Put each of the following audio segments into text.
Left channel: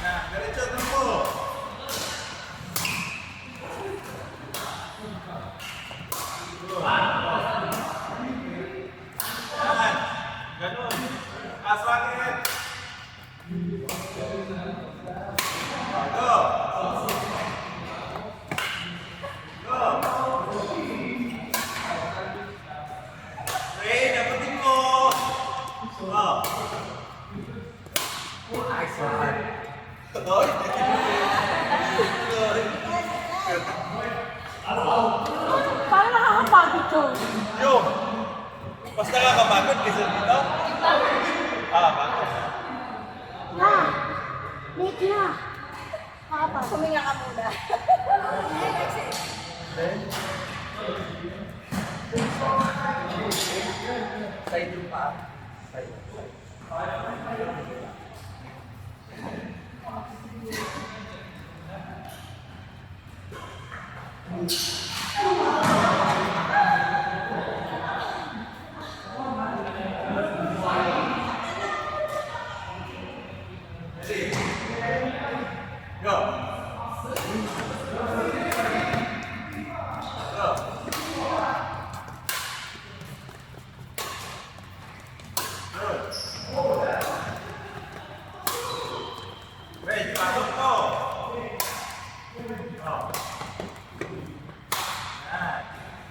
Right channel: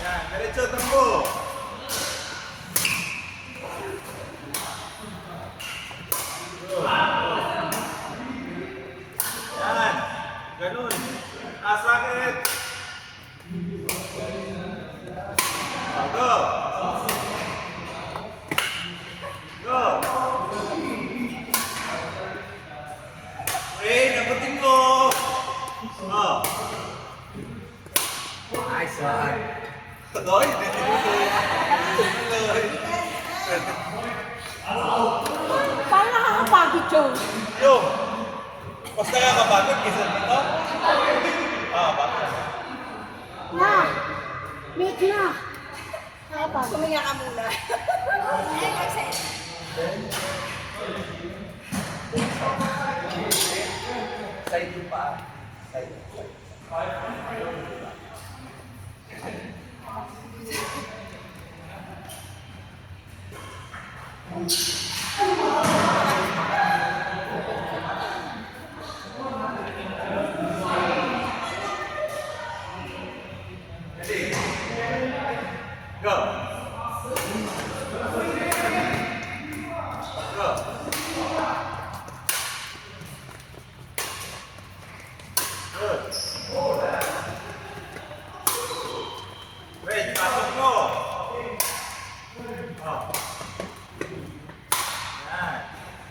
Yan, diretso tumbo. Yan, ganun. Asakit. Go. Go. Hey, nabutin mo. Oh. Nice one. Toy. Parang nakakapagod yun. Yung. Mas nakakapagod kaysa dito? Bakit? Na, late na. Nakakapagod. Kumiyak ka muna. Side yung paa. Side. Go. Go. Good. Wait, pasok mo. Oh. Yan.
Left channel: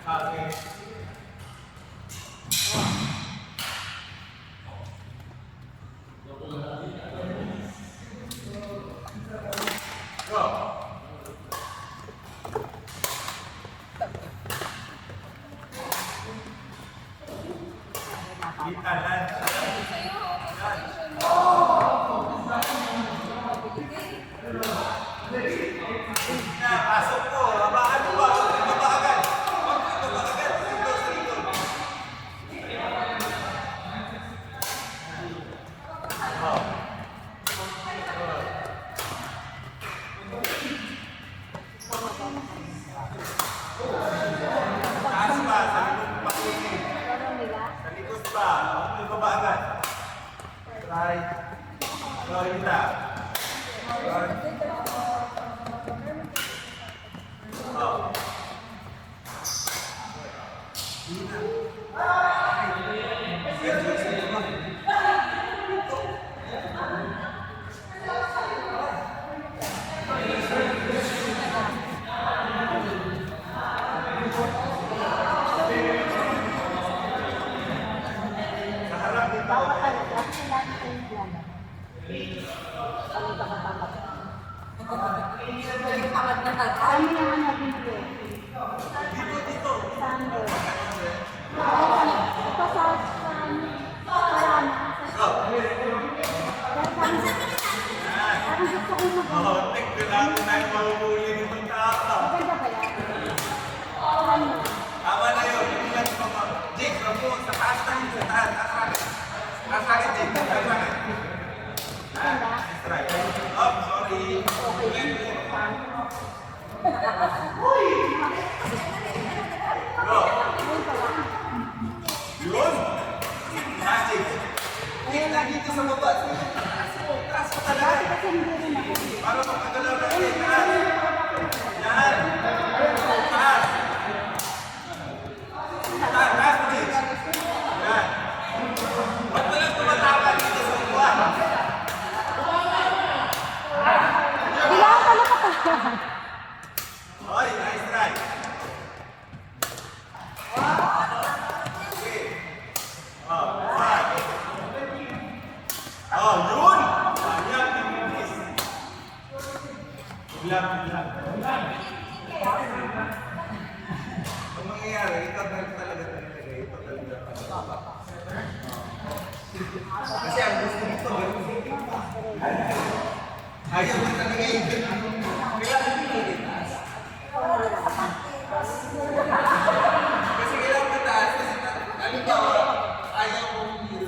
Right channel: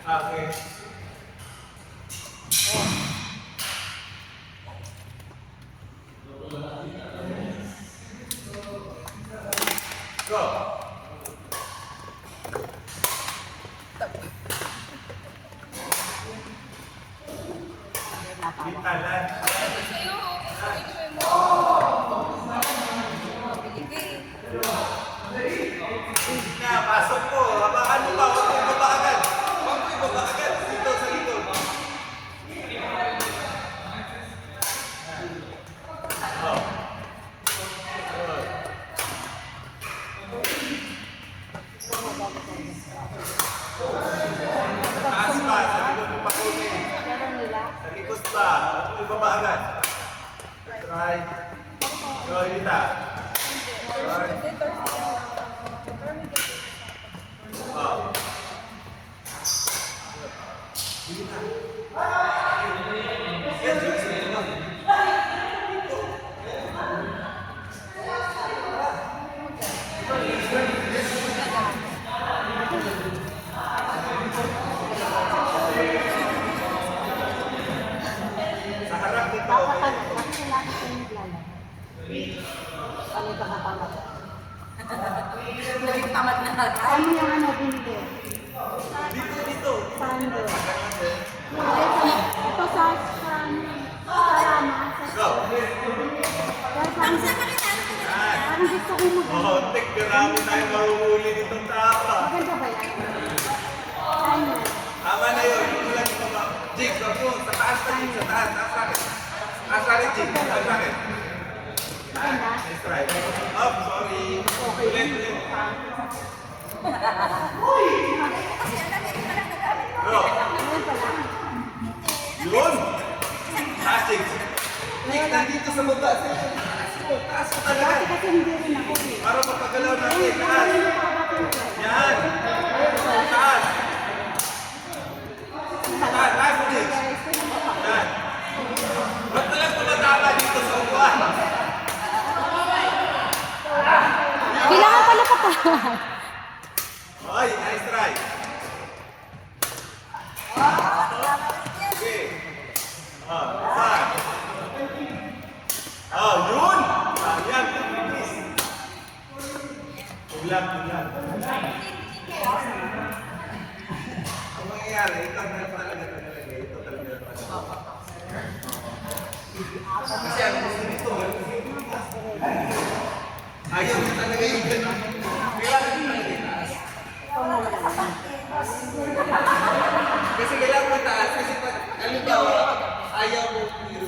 Okay. Go. Kita lang. Sa'yo, okay mo. Na, pasok po. Ano ba? Huwag mo ibaba agad. Huwag mo ibaba agad. Dito sa likod. Oh. Taas pa. Sa likod ng pakuti. Sa likod pa. Huwag mo ibaba agad. Try. Go, Evita. Turn. Oh. Sa harap dito. Tamad na agad. Kami yung ano dito. Dito. Sando. Ito sa Sarana. Go. Parang gusto ko mo. Oh, tek, grabe tayo mahuhuli nitong tapa. Maganda ba yan? Ano? Tama na yun. Yung lang pa ba? Jig, wag mo. Sa taas na yun. Sa taas. Taas racket. Taas racket, Jig. Taas racket. Nice try. Oh, sorry. Ulit. Go. Yun. Taas, Jig. Jig, nandito sa baba. Taas mo talaga. Kasi hindi rin ako. Para magkagalaw natin. Taas. Yan. Taas. Taas mo, Jig. Yan. Ba't na lang tumatama dito sa upuan? Kailangan pala ka. Oy, nice try. Okay. Saan? Yun! Yan, please. Biglang. Ang mangyayari, ikaw na talaga. Ito talaga. Kasi ang gusto nito, ayaw niya talaga yung ganun. Kailangan nyo lang itaas. Kasi kailangan mo itaas. Kasi halimbawa, ayaw mo hero.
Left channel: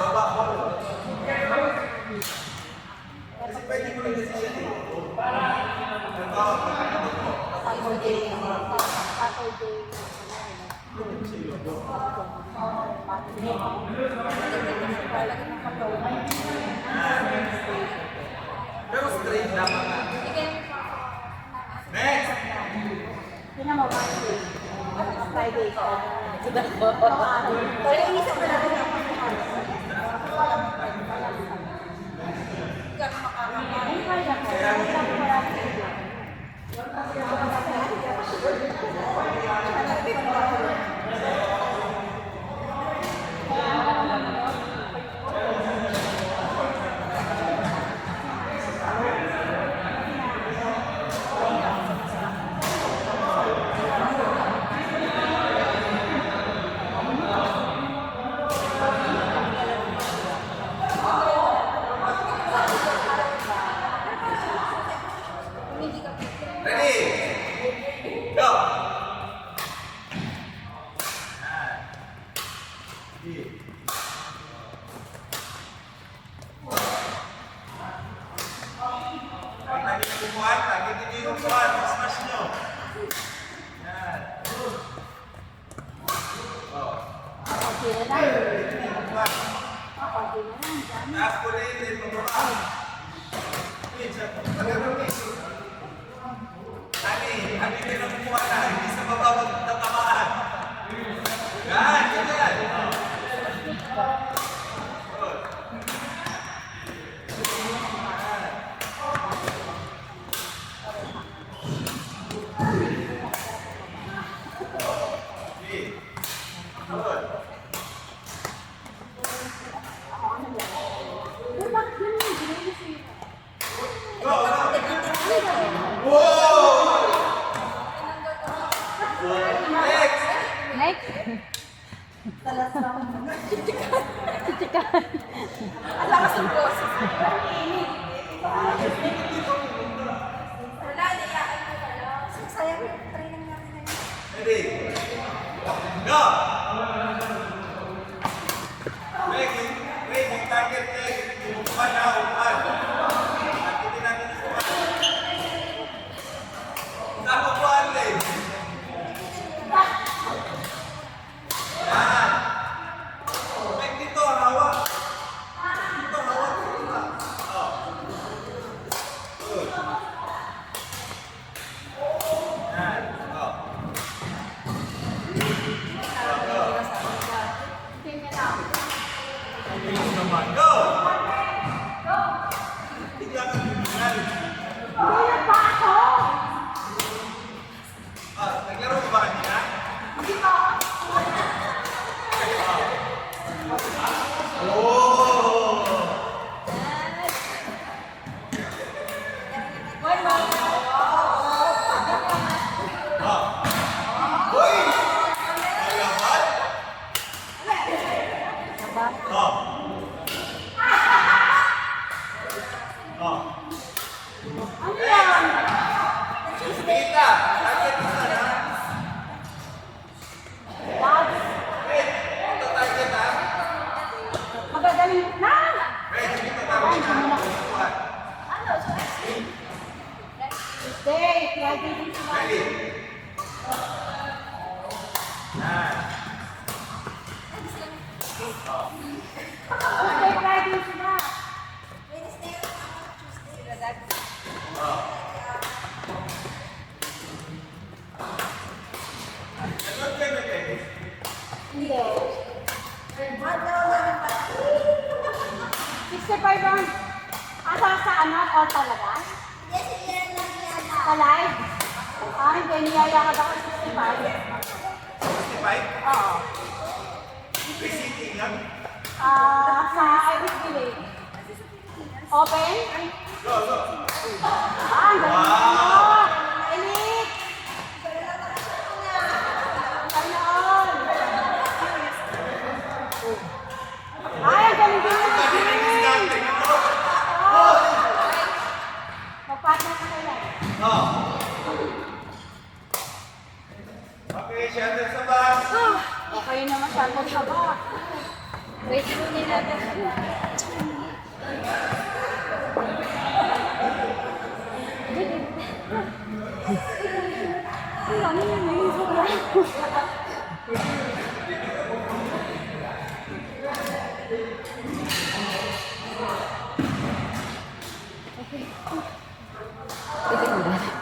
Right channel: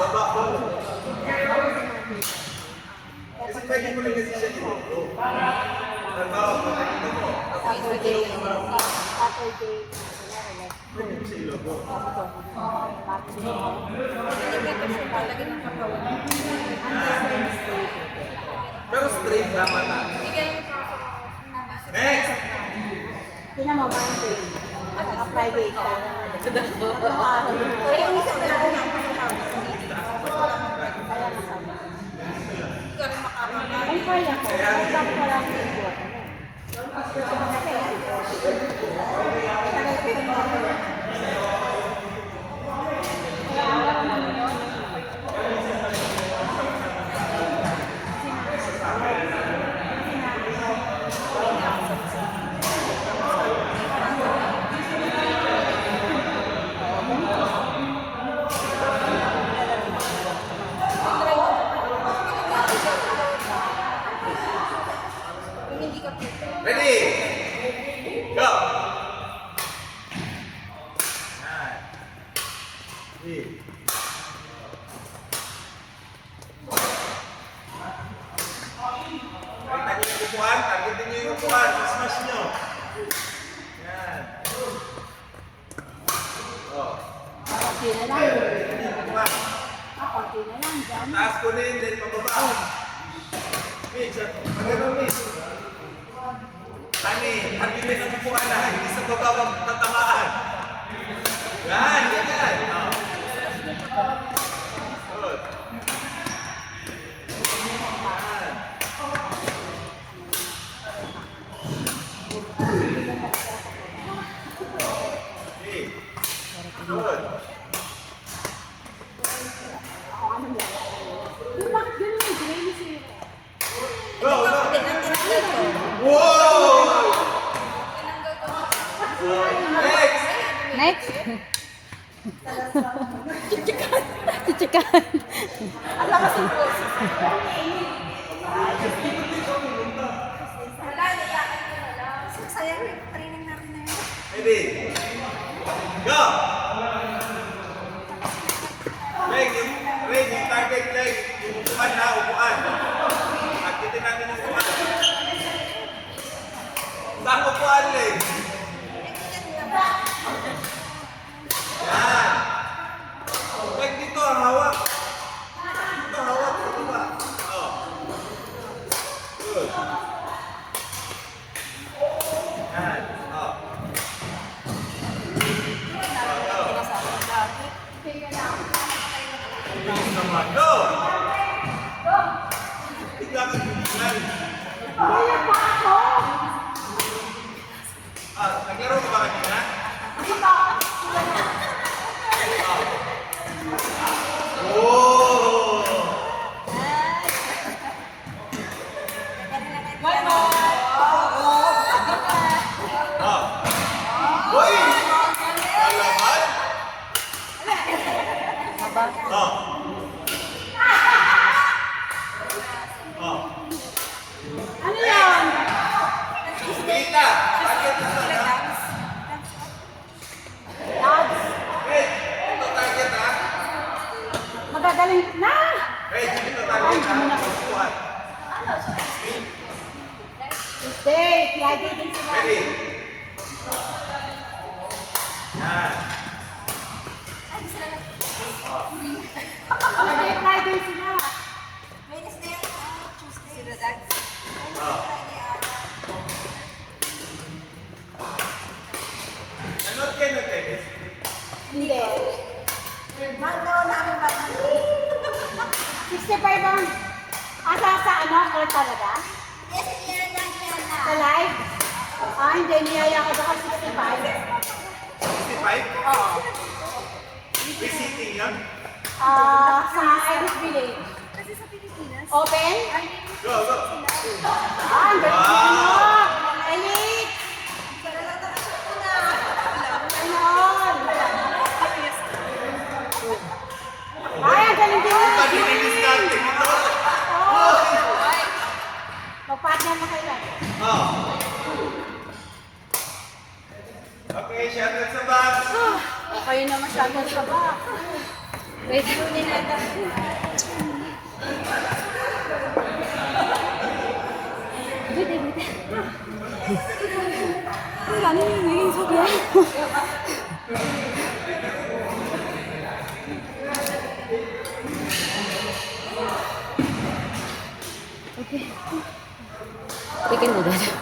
Baba ko. Kasi pwede mo rin kasi siya hero. Ang tawag mo, pakito mo. Pwede mo siya ilobo. Limitasyon talaga ng katawan. Pero straight dapat na. Hindi ka naman Next! Tingnan mo, Monday. Friday ka. Pero yung isa talaga na Enjoy ako. Kung hindi ka Ready? Go! Yan. Targetin yung upuan, targetin nyo yung upuan, smash nyo. Yan. Oh. Okay na lang. Targetin yung upuan. Okay na lang. Taas ko rin, then pababa. Mix, talagang mix. Tani, din ang upuan na, hindi sa baba magtatamaan. Yan, yan, yan. Oh. Good. Okay. Good. Bakit ganun yung Grace eh? Go, go. Whoa! Next! Next. Chichikan. Ang lakas ng boses. Wala, nilakan ko na lang. Sayang yung training natin na yun. Ready? Go! Leg, yung target leg, yung upuan na, upuan. Targetin natin yung upuan. Saan upuan leg? Yan. Leg dito, hawak. Dito, hawak. Dito ba? Oh. Good. Yan. Oh. Bilis naman. Go! Bigla kang bigyan. Hindi pa ako. Naglaro ka ba kanina? Hindi pa. Oh! Ah. Hoy! Kalaban? Ah. Ah. Ano yan? Kita! Target isa na. Hey! Ito target ha. Magagaling na. Hey, dito target ha. Upuan. Stay. Lagi din sila. Ready? Yan. Okay, Friday sila. Wednesday at Tuesday. Si Radag. Ah. Nanood kayo na tennis? Hindi. Mahal daw namin ba? 65 ang asa sa ano, call talaga? Yes, yan lang yan na. Sa live? Hindi, niyaya ka ba kay 65? 65? Oo. Visiting lang? Sa Irish Village. Kasi sa Pilipinas. Open? Go, go. Ang galing Wow. mo. Elite! Ayun! Ay, ang galing din mo. Pag-tennis natin ito. Mag-partner na kayo. Oh. Okay, shuttle sa back. Okay na masyadong saba. Wait muna natin. Wala na yun eh, sobra. Bikin udah.